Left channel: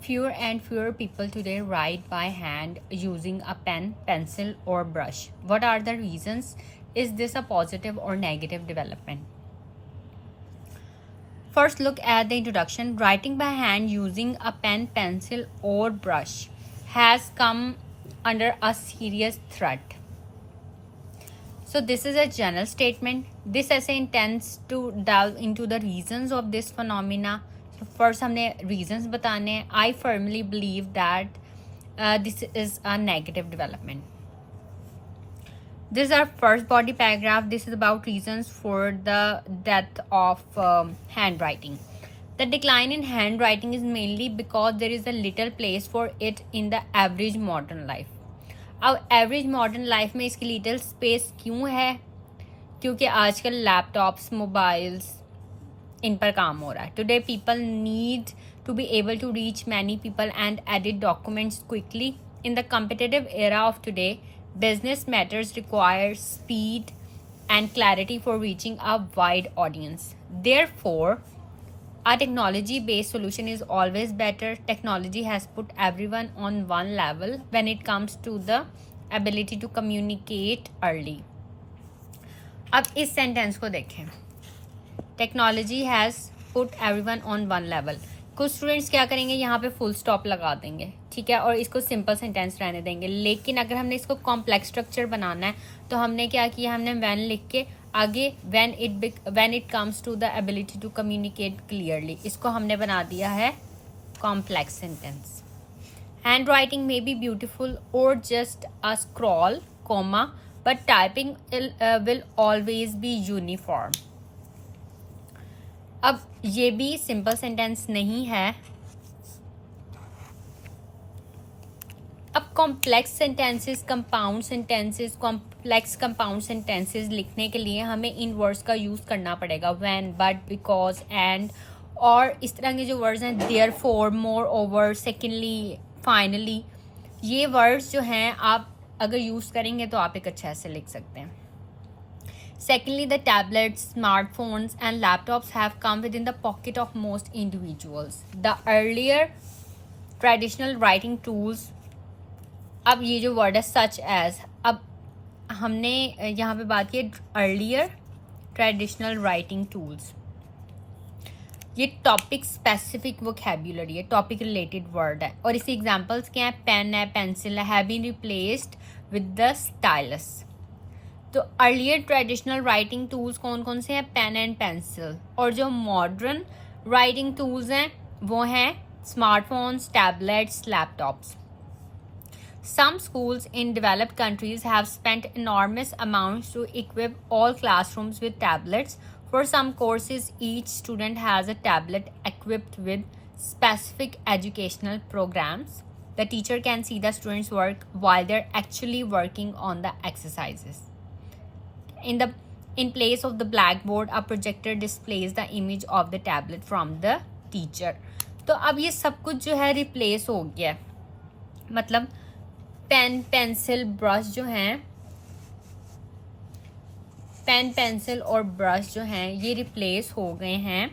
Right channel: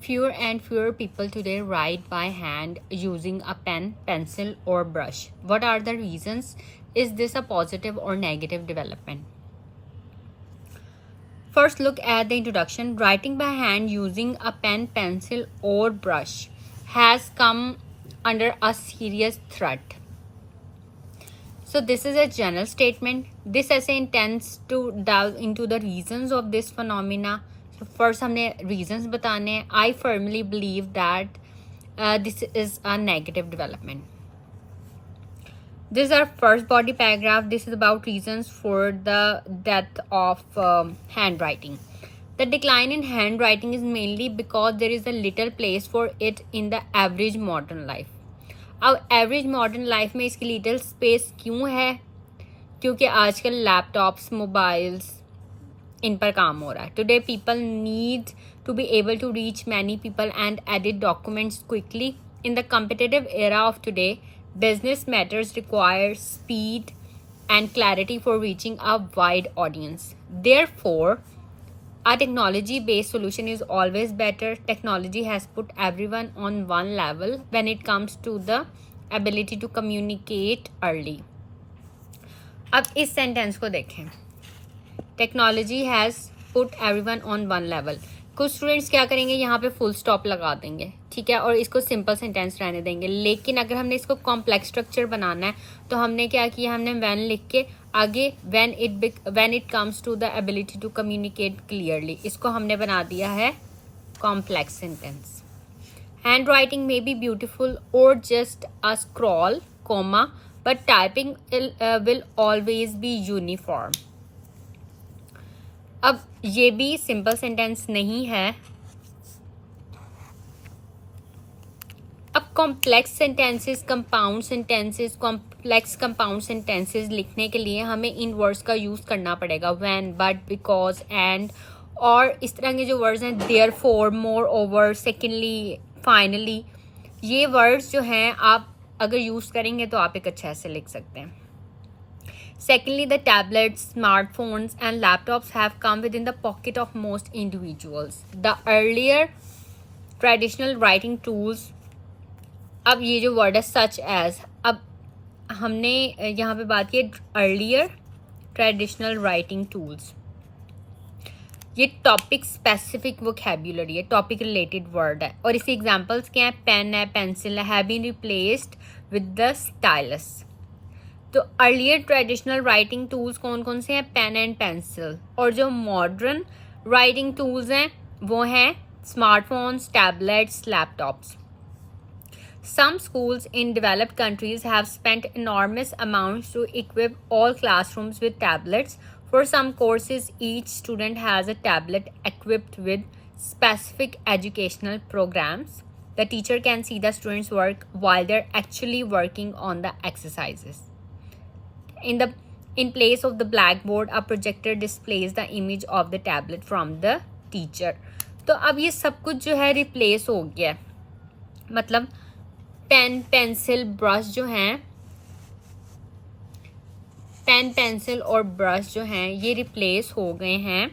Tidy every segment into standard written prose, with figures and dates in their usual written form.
Fewer and fewer people today write by hand using a pen, pencil, or brush. What are the reasons? Is this a positive or negative development? First, look at the introduction. Writing by hand using a pen, pencil, or brush has come under a serious threat. So this is a general statement. This essay intends to delve into the reasons of this phenomena. So first हमने reasons बताने हैं. I firmly believe that this is a negative development. This is our first body paragraph. This is about reasons for the death of handwriting. The decline in handwriting is mainly because there is a little place for it in the average modern life. अब average modern life में इसकी little space क्यों है? क्योंकि आजकल laptops, mobiles, इन पर काम हो रहा है. Today people need to be able to reach many people and edit documents quickly. In the competitive era of today, business matters require speed and clarity for reaching a wide audience. Therefore, a technology-based solution is always better. Technology has put everyone on one level when it comes to the ability to communicate early. अब इस sentence को देखें. Technology has put everyone on one level. कुछ students क्या करेंगे, यहाँ पे full stop लगा देंगे, ठीक है, और इसको सिंपल सेंटेंस रहने देंगे. लेकिन अगर हमने इसको कॉम्प्लेक्स स्ट्रक्चर बनाना है तो हमने क्या किया, हमने व्हेन लिख के आगे when it comes to the ability to communicate clearly, इसको हमने बना दिया है complex sentence. Handwriting may be beautiful और just a scroll comma, but typing will always be uniform. अब ये भी सिंपल सेंटेंस नहीं है. अब complex sentences, compound sentences, complex compound sentences लिखने के लिए हमें इन वर्ड्स का यूज़ करना पड़ेगा. व्हेन, बट, बिकॉज, एंड, और इस तरह के जो वर्ड्स हैं, therefore, more over, secondly, finally, ये वर्ड्स जो हैं आप अगर यूज़ करेंगे तो आप एक अच्छा ऐसे लिख सकते हैं. Secondly, the tablets, smartphones, and laptops have come within the pocket of most individuals. The earlier traditional writing tools, अब ये जो वर्ड है such as, अब हमने यहाँ पे बात की earlier traditional writing tools. ये टॉपिक स्पेसिफिक वोकेबुलरी है, टॉपिक रिलेटेड वर्ड है, और इसके एग्जांपल्स क्या है, पेन है, पेंसिल है, have been replaced with the stylus. तो अर्लियर ट्रेडिशनल राइटिंग टूल्स कौन कौन से हैं, पेन एंड पेंसिल. और जो मॉडर्न राइटिंग टूल्स हैं वो हैं smartphones, tablets, laptops. Some schools in developed countries have spent enormous amounts to equip all classrooms with tablets. For some courses, each student has a tablet equipped with specific educational programs. The teacher can see the students' work while they're actually working on the exercises. In place of the blackboard, a projector displays the image of the tablet from the teacher. तो अब ये सब कुछ जो है replace हो गया. मतलब पेन, पेंसिल, ब्रश जो हैं, पेन, पेंसिल और ब्रश जो हैं ये रिप्लेस हो गए हैं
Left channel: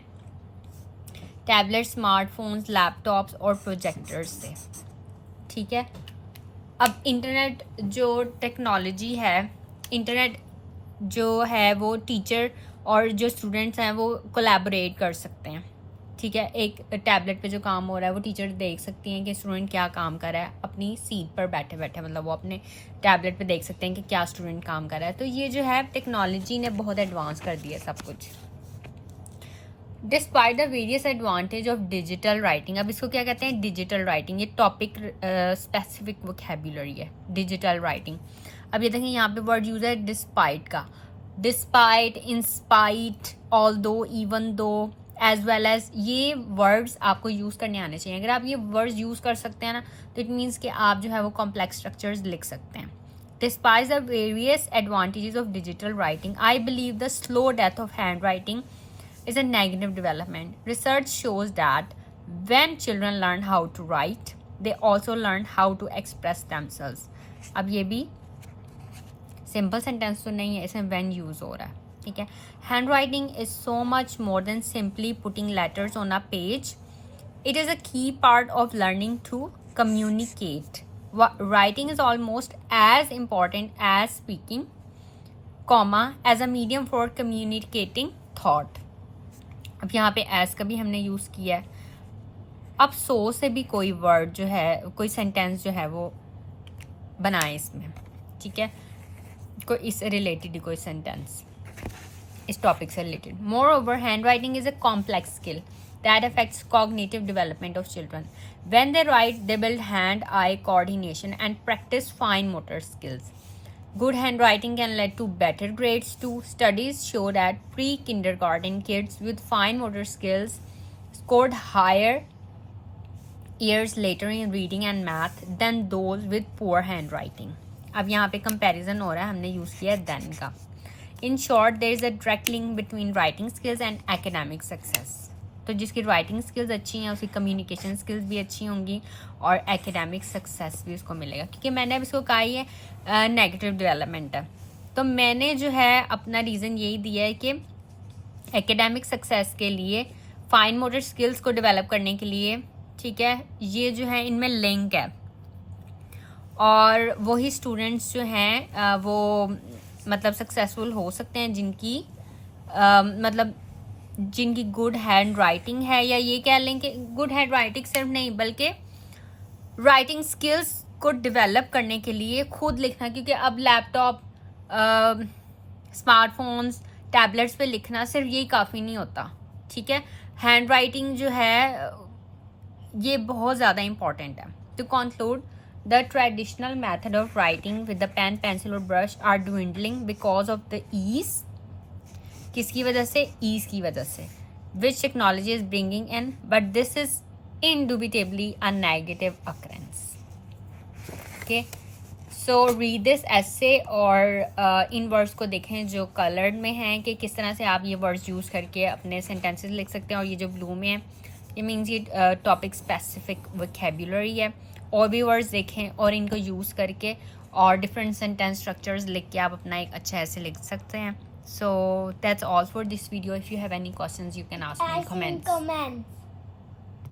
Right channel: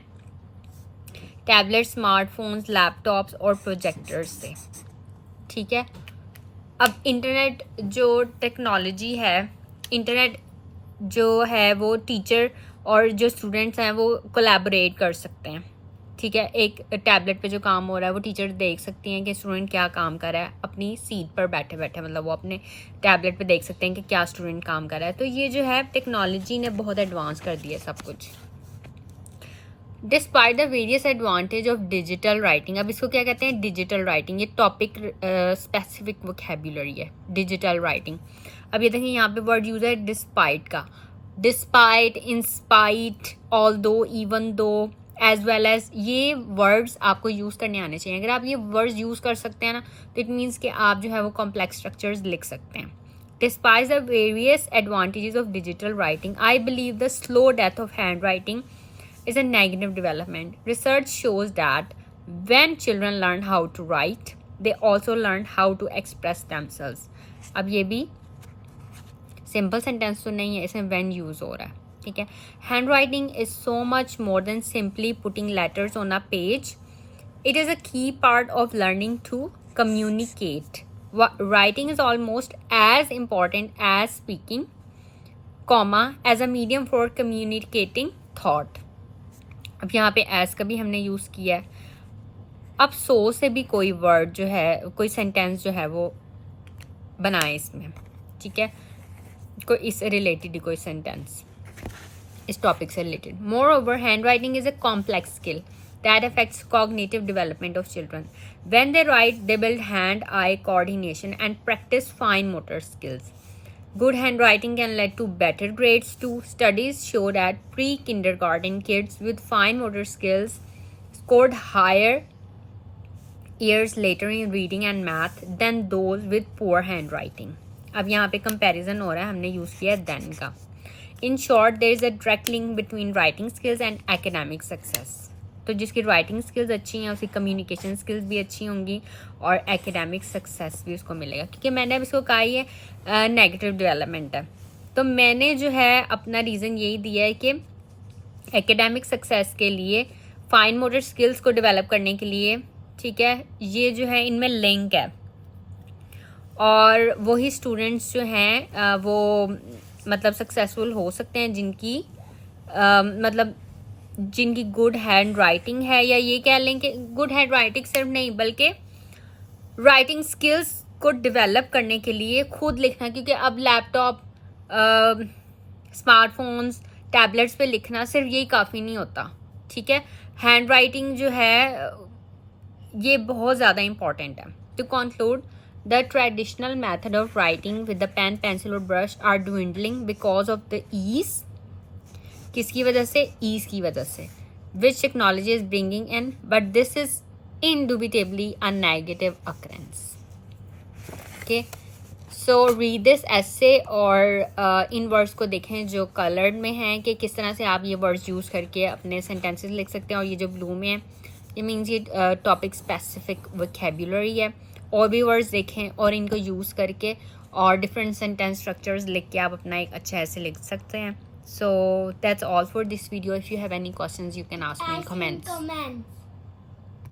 टैबलेट, स्मार्टफोन्स, लैपटॉप्स और प्रोजेक्टर्स से. ठीक है. अब इंटरनेट जो टेक्नोलॉजी है, इंटरनेट जो है वो टीचर और जो स्टूडेंट्स हैं वो कोलैबोरेट कर सकते हैं. ठीक है. एक टैबलेट पे जो काम हो रहा है वो टीचर देख सकती हैं कि स्टूडेंट क्या काम कर रहा है अपनी सीट पर बैठे बैठे, मतलब वो अपने टैबलेट पे देख सकते हैं कि क्या स्टूडेंट काम कर रहा है. तो ये जो है टेक्नोलॉजी ने बहुत एडवांस कर दिया सब कुछ. Despite the various advantage of digital writing. अब इसको क्या कहते हैं, डिजिटल राइटिंग. ये टॉपिक स्पेसिफिक वोकैबुलरी है, डिजिटल राइटिंग. अब ये देखिए यहाँ पे वर्ड यूज है डिस्पाइट का. Despite, in spite, although, even though, as well as, ये वर्ड्स आपको यूज़ करने आने चाहिए. अगर आप ये वर्ड्स यूज़ कर सकते हैं ना तो इट मीन्स कि आप जो है वो कॉम्प्लेक्स स्ट्रक्चर्स लिख सकते हैं. Despite the various advantages of digital writing, I believe the slow death of hand writing is a negative development. Research shows that when children learn how to write, they also learn how to express themselves. अब ये भी simple sentence तो नहीं है, इसमें when use हो रहा है. ठीक है. Handwriting is so much more than simply putting letters on a page. It is a key part of learning to communicate. Writing is almost as important as speaking, comma, as a medium for communicating thought. अब यहाँ पे as का भी हमने use किया है. अब 100 से भी कोई वर्ड जो है, कोई सेंटेंस जो है वो बनाए इसमें, ठीक है, कोई इससे रिलेटेड ही कोई सेंटेंस इस टॉपिक से related. More over hand writing is a complex skill that affects cognitive development of children. When they write, they build hand-eye coordination and practice fine motor skills. Good handwriting can lead to better grades too. Studies show that pre-kindergarten kids with fine motor skills scored higher years later in reading and math than those with poor handwriting. अब यहाँ पे comparison हो रहा है, हमने use किया then का. In short, there is a direct link between writing skills and academic success. तो जिसकी राइटिंग स्किल्स अच्छी हैं उसकी कम्युनिकेशन स्किल्स भी अच्छी होंगी और एकेडमिक सक्सेस भी उसको मिलेगा. क्योंकि मैंने अब इसको कहा ये नेगेटिव डेवलपमेंट है, तो मैंने जो है अपना रीज़न यही दिया है कि एकेडमिक सक्सेस के लिए फाइन मोटर स्किल्स को डेवलप करने के लिए, ठीक है, ये जो है इनमें लिंक है. और वही स्टूडेंट्स जो हैं वो मतलब सक्सेसफुल हो सकते हैं जिनकी मतलब जिनकी गुड हैंड राइटिंग है, या ये कह लें कि गुड हैंड राइटिंग सिर्फ नहीं बल्कि राइटिंग स्किल्स को डेवलप करने के लिए खुद लिखना. क्योंकि अब लैपटॉप, स्मार्टफोन्स, टैबलेट्स पे लिखना सिर्फ यही काफ़ी नहीं होता, ठीक है. हैंड राइटिंग जो है ये बहुत ज़्यादा इम्पॉर्टेंट है. To conclude, the traditional method of writing with the pen, pencil और brush are dwindling because of the ease. किसकी वजह से? ईज की वजह से. Which technology is bringing in, but this is indubitably a negative occurrence. Okay, so read this essay और in words को देखें जो कलर्ड में हैं कि किस तरह से आप ये वर्ड्स यूज़ करके अपने सेंटेंसेस लिख सकते हैं. और ये जो ब्लू में है ये मीन्स ये टॉपिक स्पेसिफिक वोकैबुलरी है. और भी वर्ड्स देखें और इनको यूज़ करके और डिफरेंट सेंटेंस स्ट्रक्चर्स लिख के आप अपना एक अच्छा ऐसे लिख सकते हैं. So that's all for this video. If you have any questions, you can ask me in comments.